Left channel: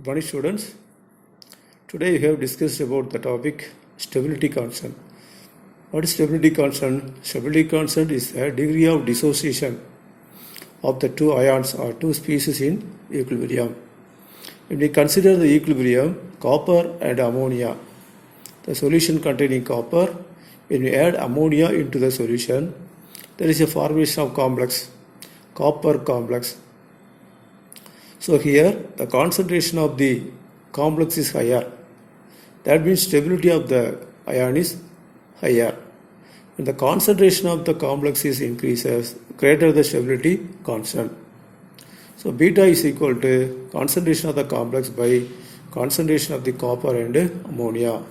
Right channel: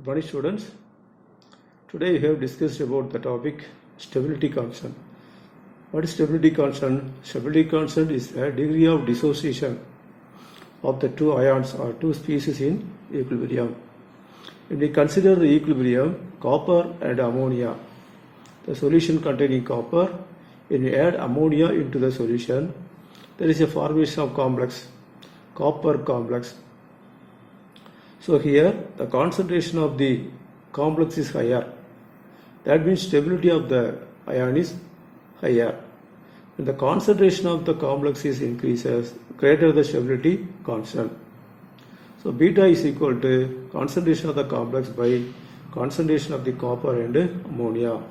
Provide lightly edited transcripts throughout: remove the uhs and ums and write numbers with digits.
Good morning, students. Today we have discussed about the topic stability constant. What is stability constant? Stability constant is a degree of dissociation of the two ions or two species in equilibrium. When we consider the equilibrium, copper and ammonia, the solution containing copper, when we add ammonia into the solution, there is a formation of complex, copper complex. So here the concentration of the complex is higher. That means stability of the ion is higher. When the concentration of the complex is increases, greater the stability constant. So beta is equal to concentration of the complex by concentration of the copper and ammonia.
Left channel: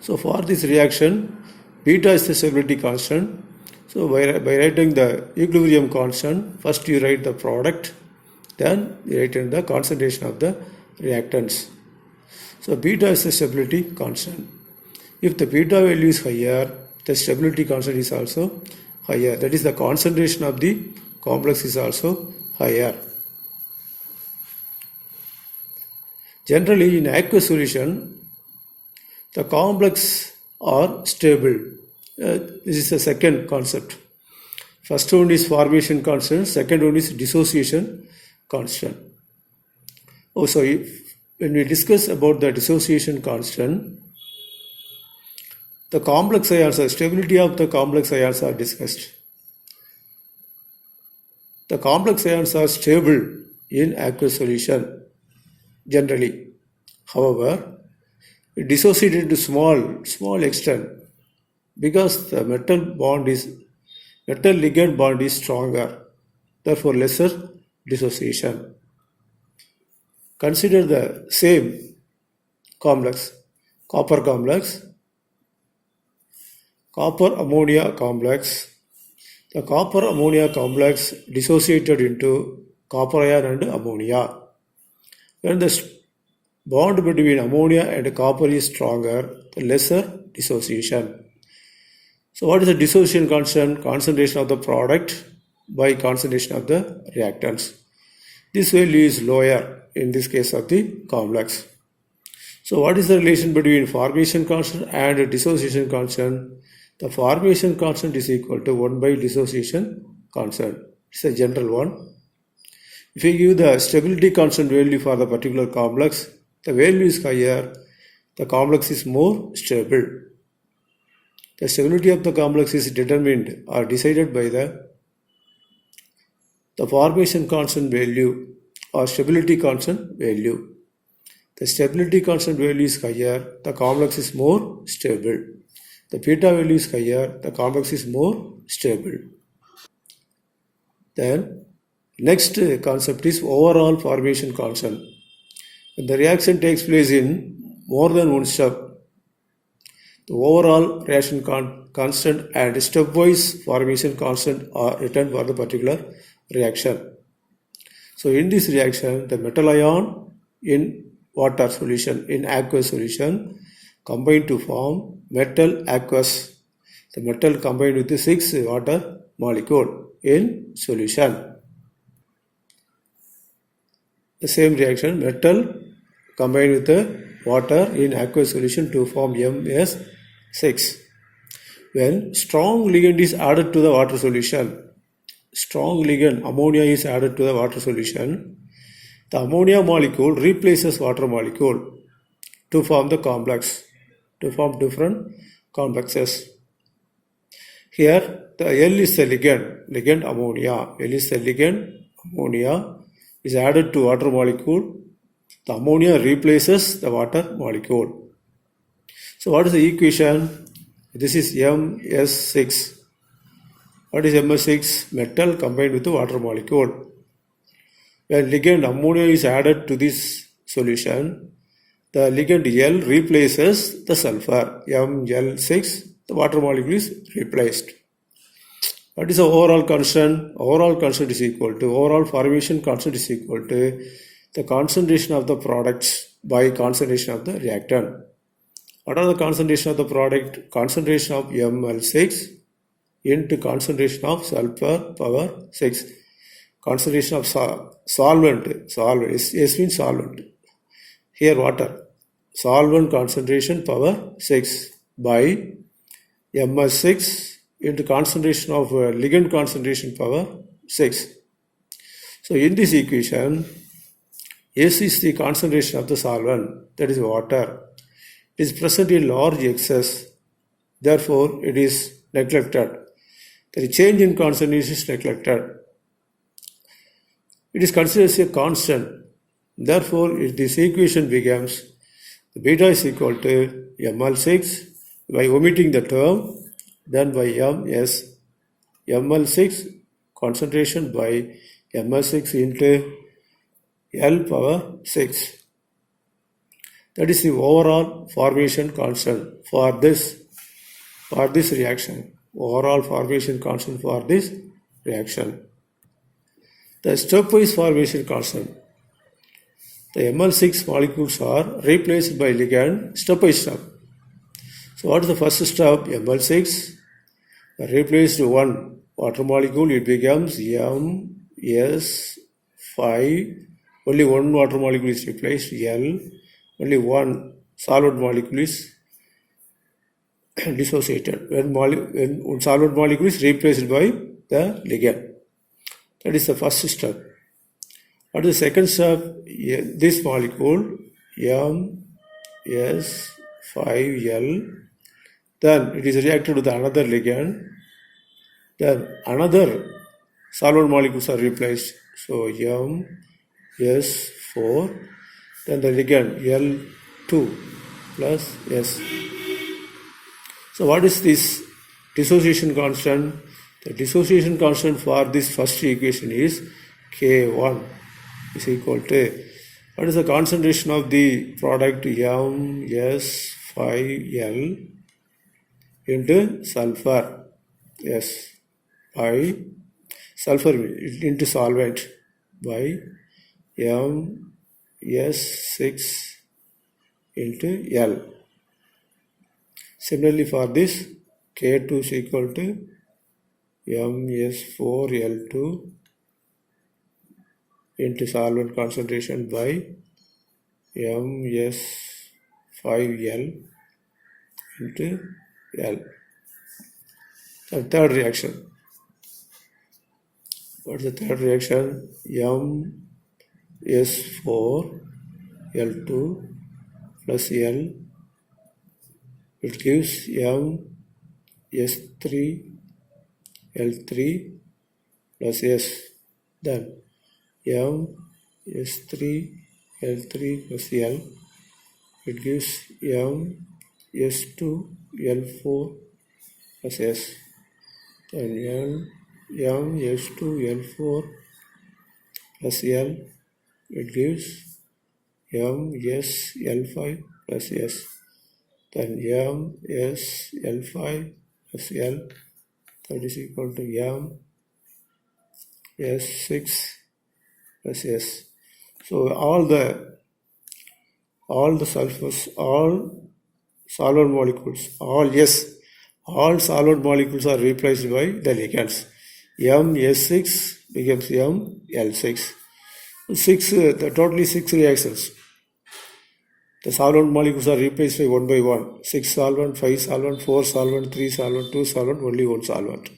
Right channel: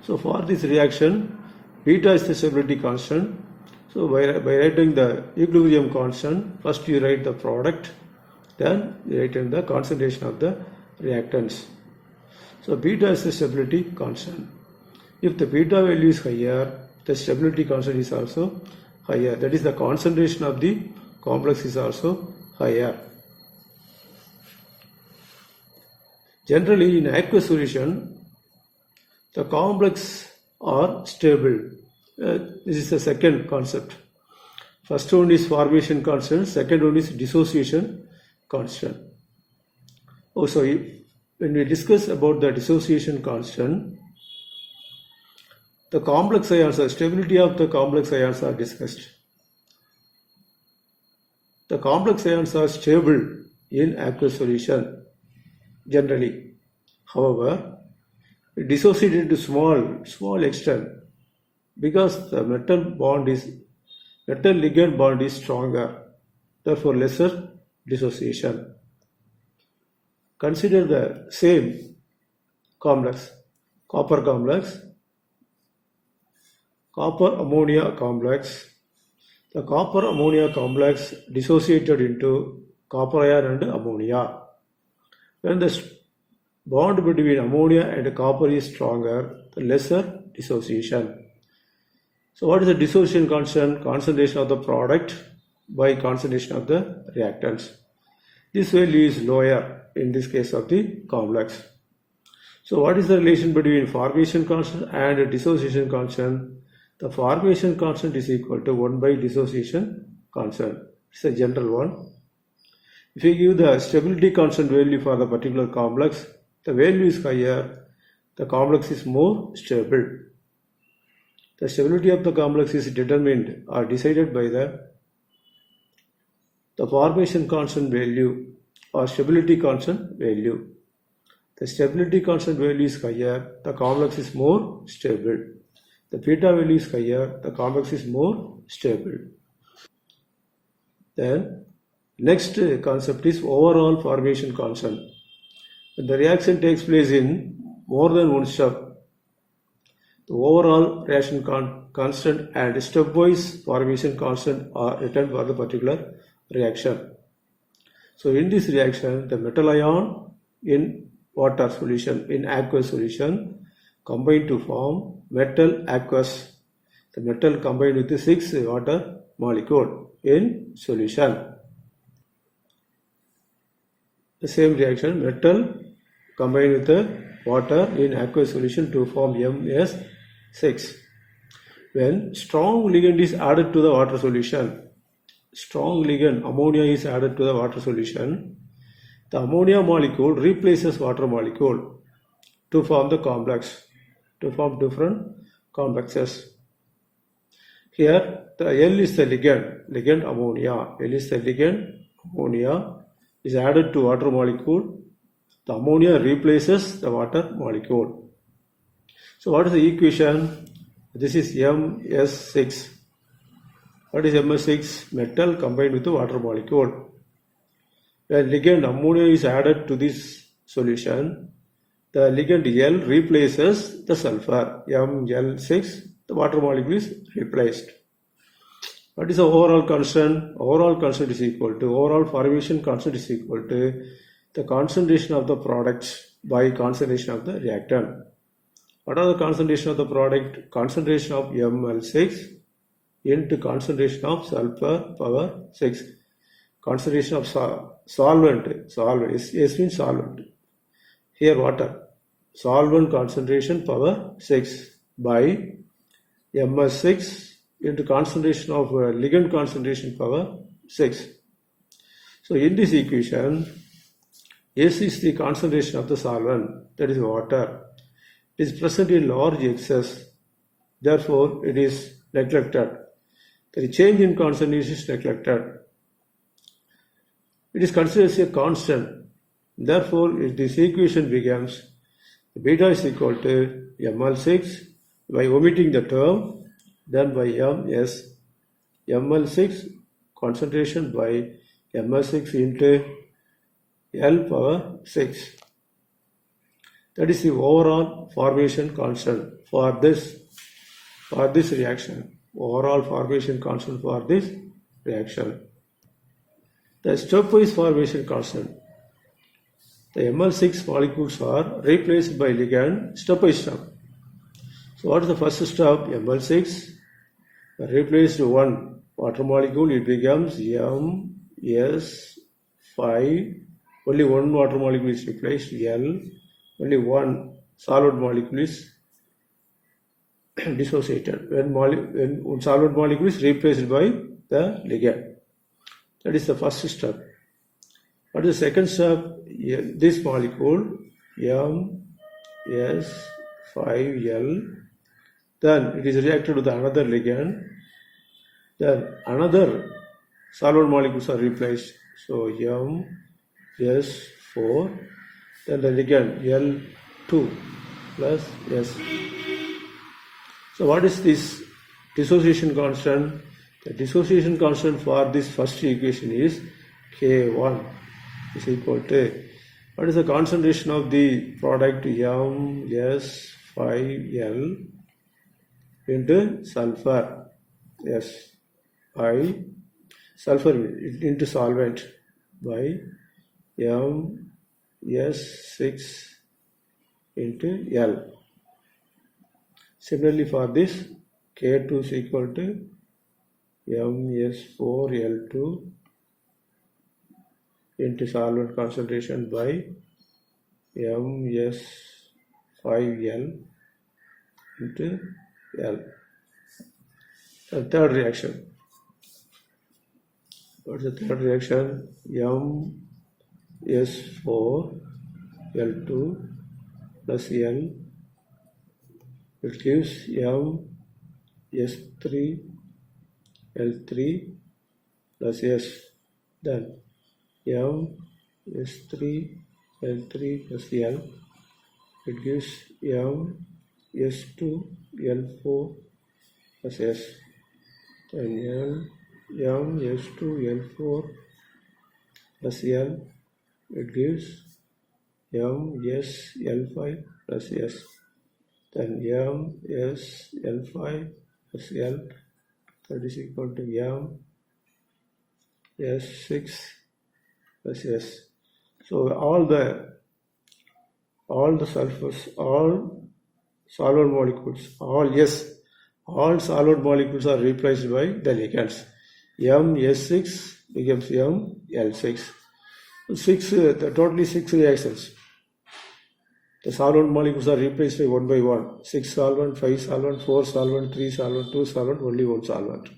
So for this reaction, beta is the stability constant. So by writing the equilibrium constant, first you write the product, then you write in the concentration of the reactants. So beta is the stability constant. If the beta value is higher, the stability constant is also higher. That is, the concentration of the complex is also higher. Generally, in aqueous solution, the complex are stable. This is the second concept. First one is formation constant, second one is dissociation constant. Also, when we discuss about the dissociation constant, the complex ions, the stability of the complex ions are discussed. The complex ions are stable in aqueous solution generally. However, it dissociated to small extent because the metal ligand bond is stronger, therefore lesser dissociation. Consider the same complex, copper complex, copper ammonia complex. The copper ammonia complex dissociated into copper ion and ammonia. When the bond between ammonia and copper is stronger, the lesser dissociation. So what is the dissociation constant? Concentration of the product by concentration of the reactants. This value is lower in this case of the complex. So what is the relation between formation constant and dissociation constant? The formation constant is equal to 1 by dissociation constant. It's a general one. If you give the stability constant value for the particular complex, the value is higher, the complex is more stable. The stability of the complex is determined or decided by the formation constant value or stability constant value. The stability constant value is higher, the complex is more stable. The beta value is higher, the complex is more stable. Then next concept is overall formation constant. When the reaction takes place in more than one step, the overall reaction constant and stepwise formation constant are written for the particular reaction. So in this reaction, the metal ion in water solution, in aqueous solution, combine to form metal aqueous. The metal combined with the 6 water molecule in solution. The same reaction, metal combined with the water in aqueous solution to form MS6. When strong ligand is added to the water solution, strong ligand ammonia is added to the water solution, the ammonia molecule replaces water molecule to form the complex, to form different complexes. Here the L is the ligand ammonia. L is the ligand ammonia is added to water molecule. The ammonia replaces the water molecule. So what is the equation? This is MS6. What is MS6? Metal combined with the water molecule. When ligand ammonia is added to this solution, the ligand L replaces the sulfur, Ml6, the water molecule is replaced. What is the overall constant? Overall constant is equal to, overall formation constant is equal to the concentration of the products by concentration of the reactant. What are the concentration of the product? Concentration of Ml6 into concentration of sulfur power 6. Concentration of solvent, S means solvent. here water, solvent concentration power 6 by MS6 into concentration of ligand concentration power 6. So in this equation, S is the concentration of the solvent, that is water. It is present in large excess, therefore it is neglected. The change in concentration is neglected. It is considered as a constant. Therefore, if this equation becomes beta is equal to ml6 by omitting the term, then by ms ml6 concentration by ms6 into L power 6. That is the overall formation constant for this reaction. Overall formation constant for this reaction. The stepwise formation constant. The ML6 molecules are replaced by ligand step by step. So what is the first step? ML6 replaced one water molecule, it becomes MS5. Only one water molecule is replaced, L. Only one solid molecule is dissociated when solid molecule is replaced by the ligand. That is the first step. What is the second step? This molecule MS5L, then it is reacted with another ligand, then another solid molecules are replaced. So MS4, then the ligand L2 plus S. So what is this dissociation constant? The dissociation constant for this first equation is K1 is equal to, what is the concentration of the product MS5L into sulfur, yes, by sulfur into solvent by MS6 into L. Similarly for this, K2 is equal to MS4L2 into solvent concentration by MS5L into L. The third reaction. What is the third reaction? MS4L2 plus L. It gives MS3L3 plus S. Then MS3L3 plus L. It gives MS2L4 plus S. Then MS2L4 plus L. It gives MsL5 plus S. Then MsL5 plus L, that is equal to MS6 plus S. So all the sulfurs, all solid molecules, all solid molecules are replaced by the ligands. MS6 becomes ML6. Totally 6 reactions. The solvent molecules are replaced by one by one. 6 solvent, 5 solvent, 4 solvent, 3 solvent, 2 solvent, only one solvent.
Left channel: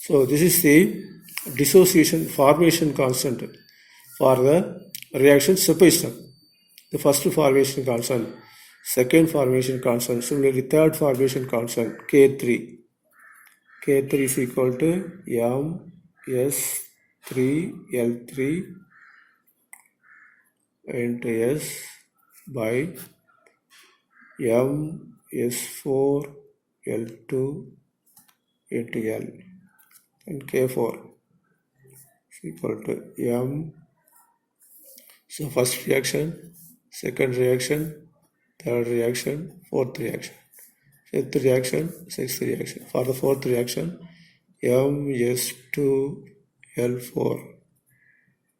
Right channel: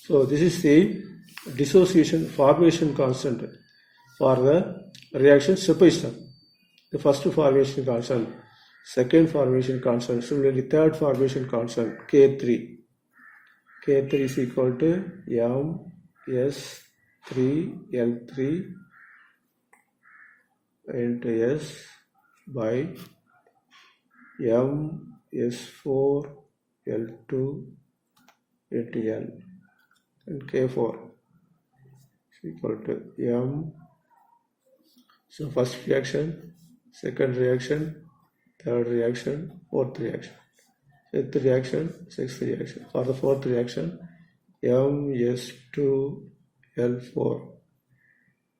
So this is the dissociation formation constant for the reaction step by step. The first formation constant, second formation constant, similarly third formation constant, K3. K3 is equal to MS3L3 into S by MS4L2 into L, and K4 is equal to M. So first reaction, second reaction, third reaction, fourth reaction, fifth reaction, sixth reaction. For the fourth reaction, MS2L4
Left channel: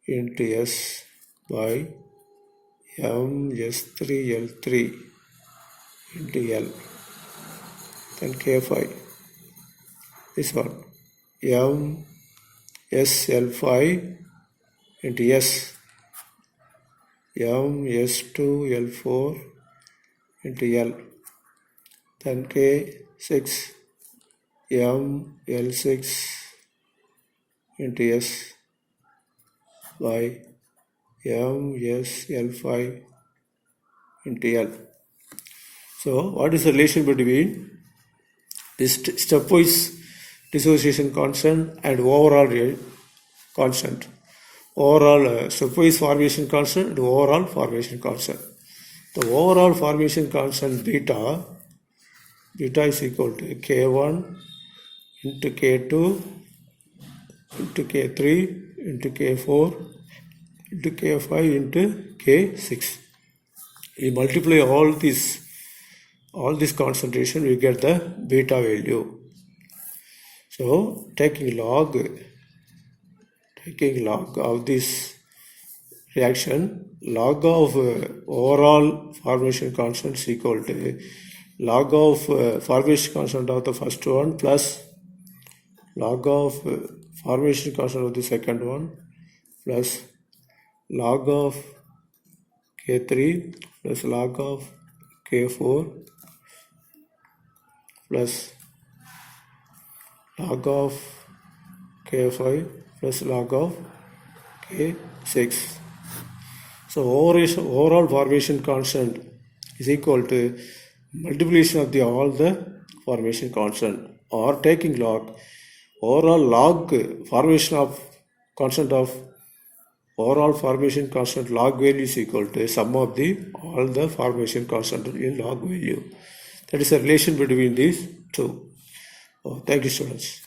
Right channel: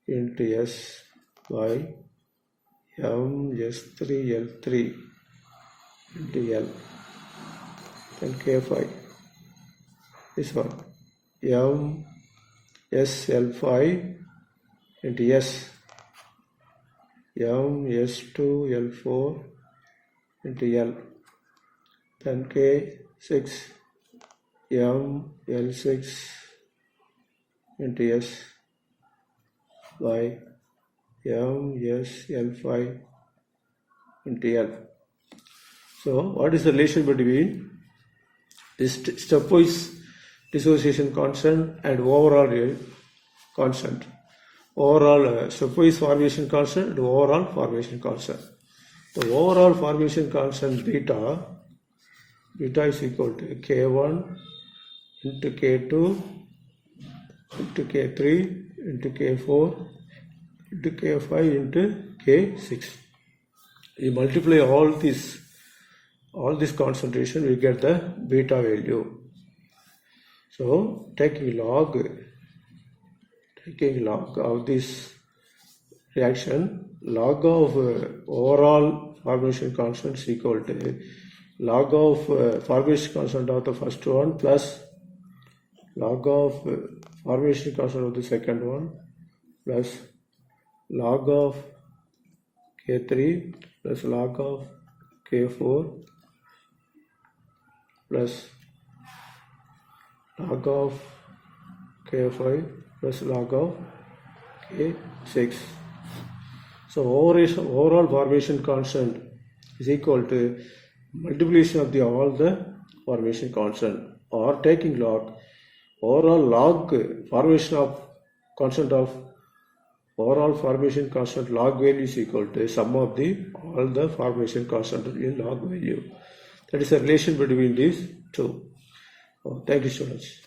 into S by MS3L3 into L, then K5. This one, MsL5 into S, M(S)2 L4 into L. Then K6 M L6 into S by M S L5 into L. So what is the relation between this stepwise dissociation constant and overall constant? Overall stepwise formation constant and overall formation constant. The overall formation constant beta is equal to K1 into K2 into K3 into K4 into K5 into K6. You multiply all this concentration, we get the beta value. So taking log of this reaction, log of overall formation constant is equal to log of formation constant of the first one plus log of formation constant of the second one plus log of K3 plus log of K4 plus log of K5 plus log of K6. So overall formation constant is equal to multiplication of all the formation constant, or taking log overall log formation of constant of overall formation constant log value is equal to sum of all the formation constant in log value. That is the relation between these two. Thank you, students.